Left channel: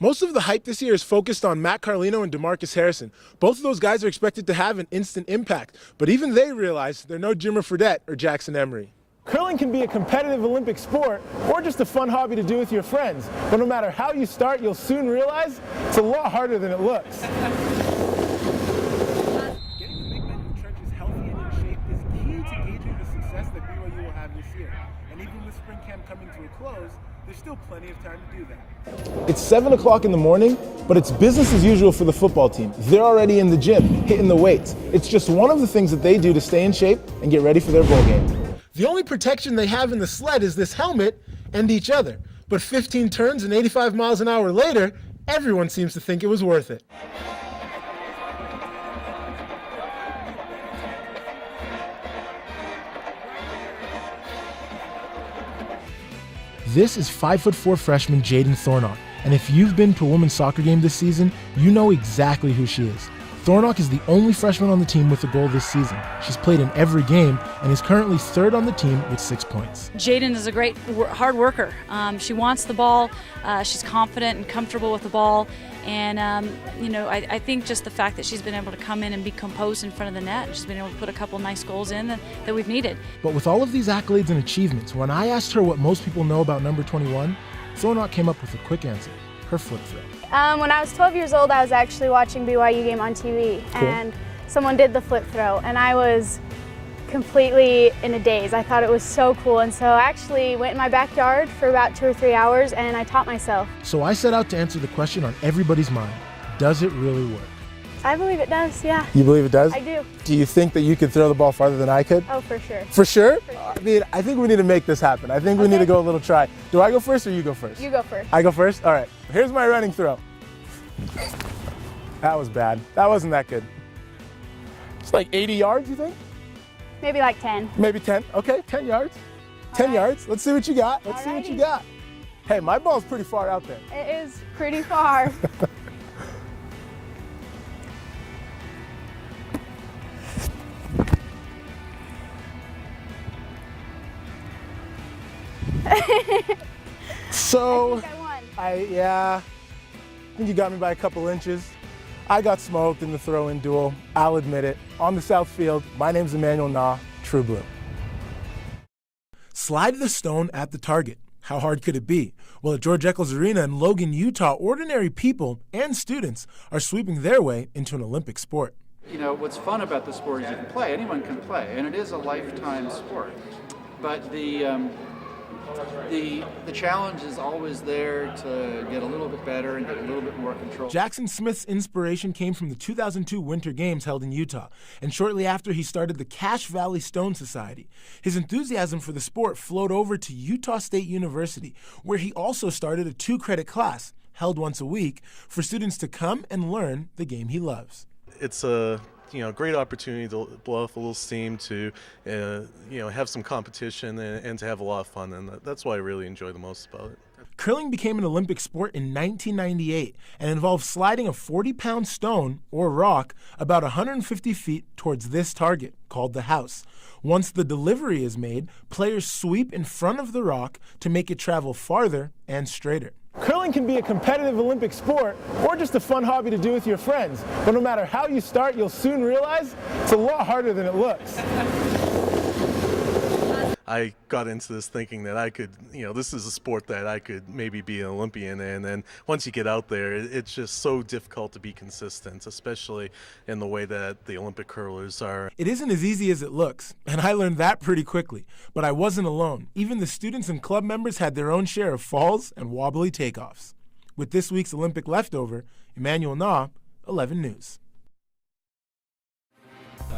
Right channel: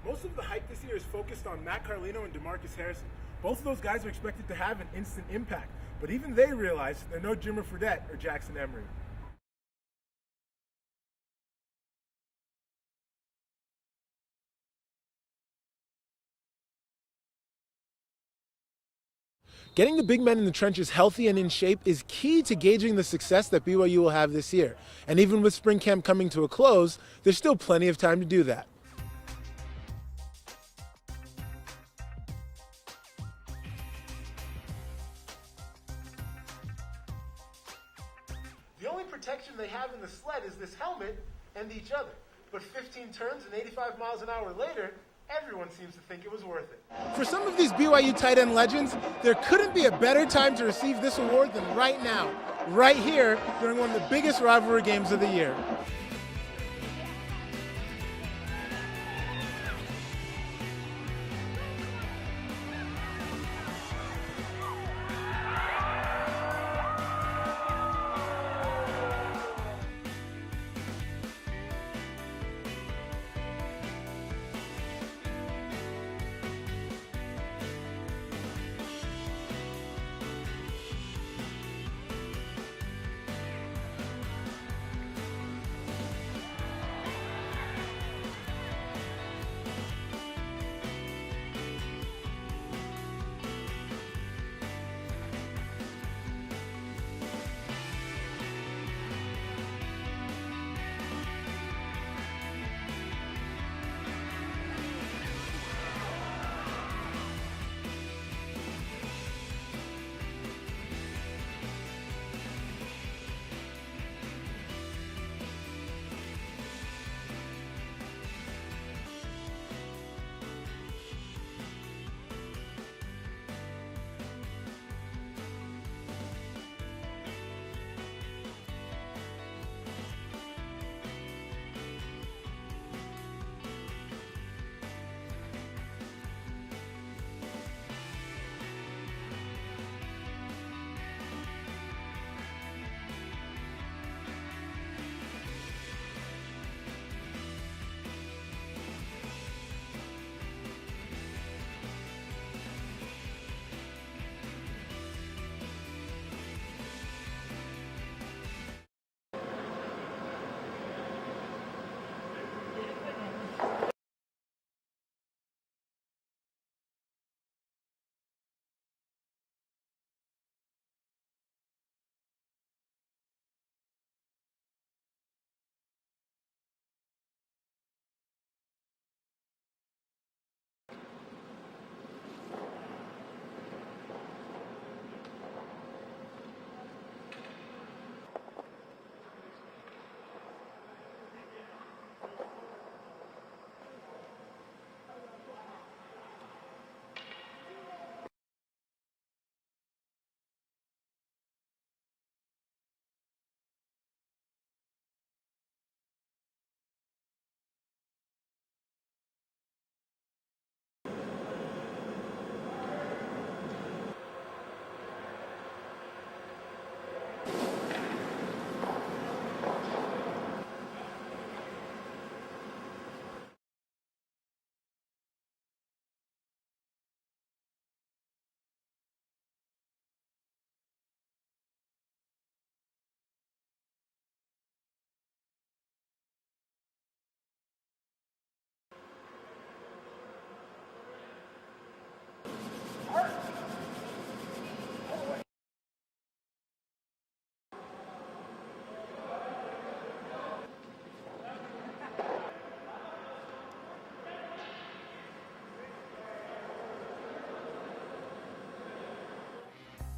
Most of the hype this year is focused on Matt Carlino and DeMarcus Harrison. Both of those guys are expected to have an instant impact, but even they realize they're no Jimmer Fredette or Jackson Emery. Curling can be a competitive Olympic sport or just a fun hobby to do with your friends, but no matter how you start, you'll soon realize it's a lot harder than it looks. Getting the big men in the trenches healthy and in shape is key to gauging the success that BYU will have this year. And even with spring camp coming to a close, there's still plenty of time to do that. It's 7 o'clock in the morning, but it's business as usual for the football team. They're already in the gym, hitting the weights. It's just one of the things that they do to stay in shape and get ready for their bowl game. The only protection they have in the sled is this helmet and each other. But 15 turns and 85 miles an hour later, everyone seems to think it was worth it. For some of these BYU tight end legends, there couldn't be a better time to receive this award than right now, right here during one of the biggest rivalry games of the year. This is 5'4" freshman Jaden Thornock, and if you've been to a women's soccer game this season, you know exactly who she is. Thornock is the only freshman on the team with a goal this season. She's played in every game and is currently third on the team with 6 points. Jaden is a great hard worker. She wants the ball. She's confident and comfortable with the ball. And, I think just the fact that she's been able to come in and be composed in front of the net, she's been able to put a couple nice goals in that we've needed. But with all of these accolades and achievements, when I asked her what most people know about number 21, Thornock came up with a quick answer: her flip throw. When I was 12 years old, I was actually watching BYU game on TV, and someone did the flip throw, and I was completely in a daze. I thought it was so cool, and so I actually went in my backyard for about 2 or 3 hours, and I taught myself. So I set out to answer the question on everybody's mind: does it really work? I believe it does, yeah. You believe it does? I do. Do you think that you could throw the ball farther than I could? Oh, for sure. For sure? I mean, I think we need to make this happen. I think we need to go a little try. Do I go first or you go first? You go first. I go first? All right. Here's my running throw. That was bad. That wasn't that good. It's like 80 yards, you think? Maybe like 10. Maybe 10. Okay, 10 yards. 10 yards. Let's see what you got. Let's see what you got. Hey, my ball's pretty far out there. It is pretty far. So, I won. I think you got me by a couple inches. I got smoked in the throw-in duel. I'll admit it. On the south field, my name's Emmanuel Nnah, True Blue. Slide the stone at the target. How hard could it be? Well, at George Eccles Arena in Logan, Utah, ordinary people and students are sweeping their way into an Olympic sport. You know, what's fun about the sport is you can play. Anyone can play, and it is a lifetime sport. But the challenge is always there to get a little bit better and get a little bit more control. Jackson Smith's inspiration came from the 2002 Winter Games held in Utah, and shortly after he started the Cache Valley Stone Society. His enthusiasm for the sport flowed over to Utah State University, where he also started a 2-credit class, held once a week, for students to come and learn the game he loves. It's a great opportunity to blow off a little steam, to have some competition and to have a lot of fun, and that's what I really enjoy the most about it. Curling became an Olympic sport in 1998 and involved sliding a 40-pound stone or rock about 150 feet towards this target, called the house. Once the delivery is made, players sweep in front of the rock to make it travel farther and straighter. Curling can be a competitive Olympic sport or just a fun hobby to do with your friends, but no matter how you start, you'll soon realize it's a lot harder than it looks. I got into this thinking that I could, this is a sport that I could maybe be an Olympian in, and once you get out there, it's just so difficult to be consistent, especially in the way that the Olympic curlers are. It isn't as easy as it looks, and I learned that pretty quickly, but I wasn't alone. Even the students and club members had their own share of falls and wobbly takeoffs. With this week's Olympic leftover, Emmanuel Nnah, 11 News.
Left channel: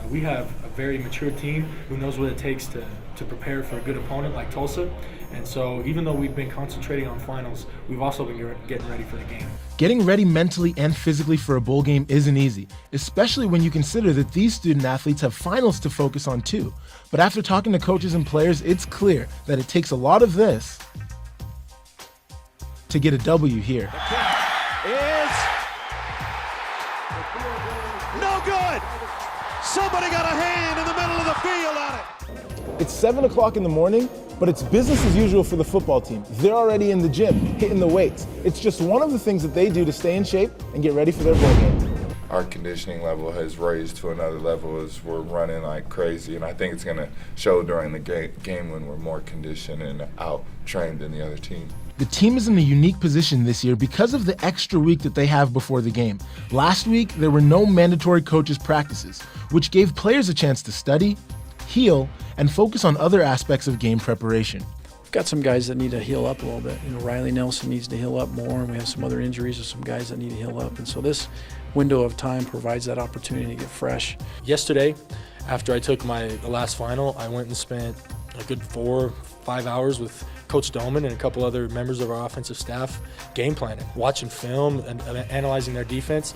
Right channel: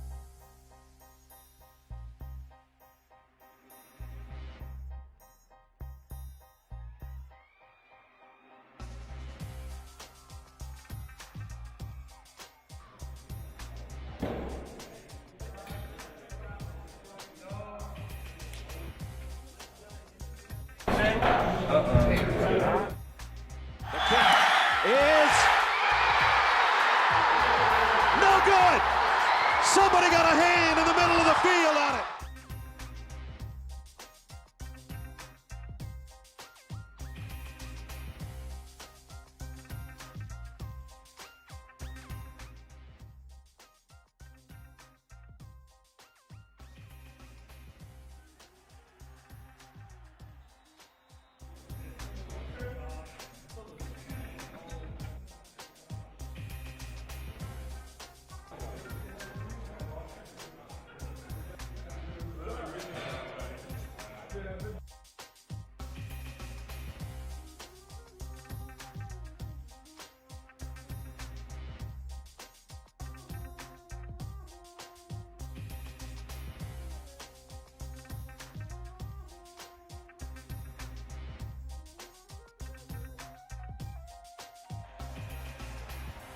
We have a very mature team who knows what it takes to prepare for a good opponent like Tulsa. And so even though we've been concentrating on finals, we've also been getting ready for the game. Getting ready mentally and physically for a bowl game isn't easy, especially when you consider that these student athletes have finals to focus on too. But after talking to coaches and players, it's clear that it takes a lot of this to get a W here. The kick is no good. Somebody got a hand in the middle of the field on it. It's 7 o'clock in the morning, but it's business as usual for the football team. They're already in the gym, hitting the weights. It's just one of the things that they do to stay in shape and get ready for their bowl game. Our conditioning level has raised to another level as we're running like crazy, and I think it's going to show during the game when we're more conditioned and out-trained than the other team. The team is in a unique position this year because of the extra week that they have before the game. Last week, there were no mandatory coaches' practices, which gave players a chance to study, heal, and focus on other aspects of game preparation. Got some guys that need to heal up a little bit. Riley Nelson needs to heal up more, and we have some other injuries of some guys that need to heal up. And so this window of time provides that opportunity to get fresh. Yesterday, after I took the last final, I went and spent a good 4-5 hours with Coach Doman and a couple other members of our offensive staff game planning, watching film and analyzing their defense.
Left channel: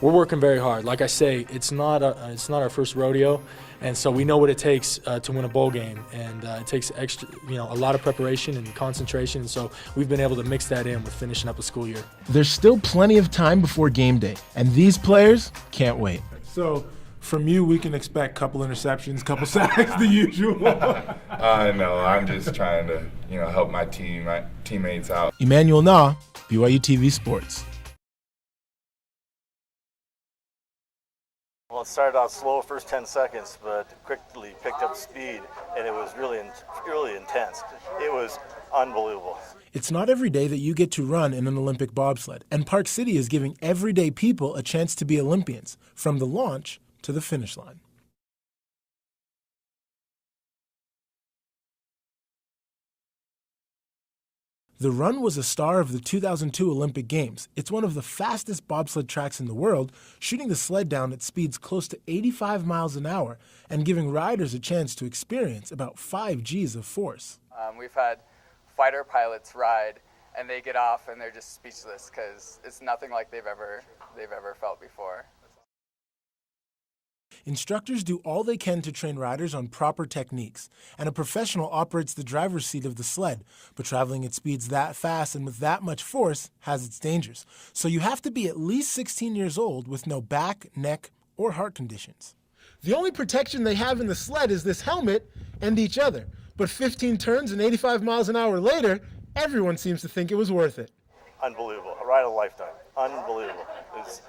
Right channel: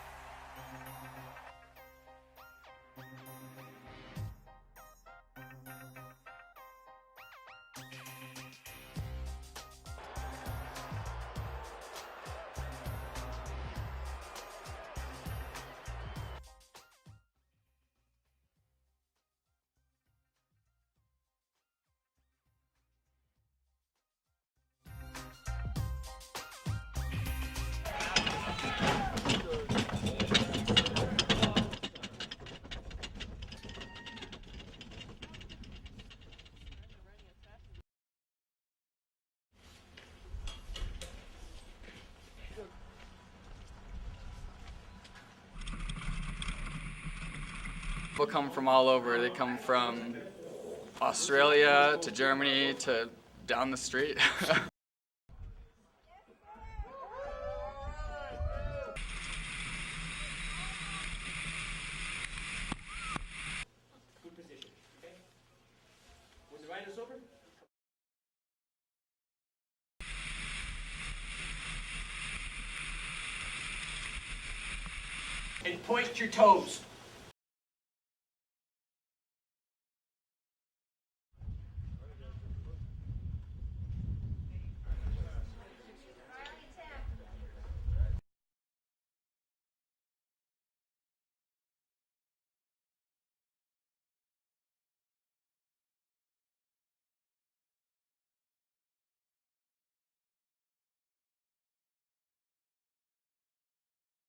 We're working very hard. Like I say, it's not our first rodeo, and so we know what it takes to win a bowl game, and it takes extra, a lot of preparation and concentration. And so we've been able to mix that in with finishing up the school year. There's still plenty of time before game day, and these players can't wait. So, from you, we can expect couple interceptions, couple sacks, the usual. No, I'm just trying to, help my teammates out. Emmanuel Nnah, BYUtv Sports. Well, it started out slow first 10 seconds, but quickly picked up speed, and it was really intense. It was unbelievable. It's not every day that you get to run in an Olympic bobsled, and Park City is giving everyday people a chance to be Olympians, from the launch to the finish line. People come from all over. They come from Australia to Germany to down the street. The run was a star of the 2002 Olympic Games. It's one of the fastest bobsled tracks in the world, shooting the sled down at speeds close to 85 miles an hour and giving riders a chance to experience about 5 Gs of force. We've had fighter pilots ride, and they get off and they're just speechless because it's nothing like they've ever felt before. And point your toes. Instructors do all they can to train riders on proper techniques, and a professional operates the driver's seat of the sled, but traveling at speeds that fast and with that much force has its dangers. So you have to be at least 16 years old with no back, neck, or heart conditions. The only protection they have in the sled is this helmet and each other, but 15 turns and 85 miles an hour later, everyone seems to think it was worth it. Unbelievable. A ride of a lifetime. Unbelievable. It's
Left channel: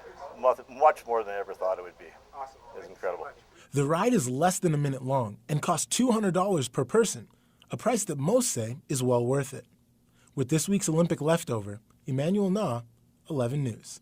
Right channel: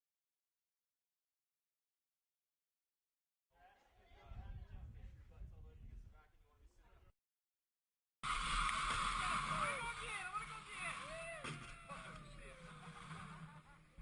much more than I ever thought it would be. Awesome. It's incredible. The ride is less than a minute long and costs $200 per person, a price that most say is well worth it. With this week's Olympic leftover, Emmanuel Nnah, 11 News.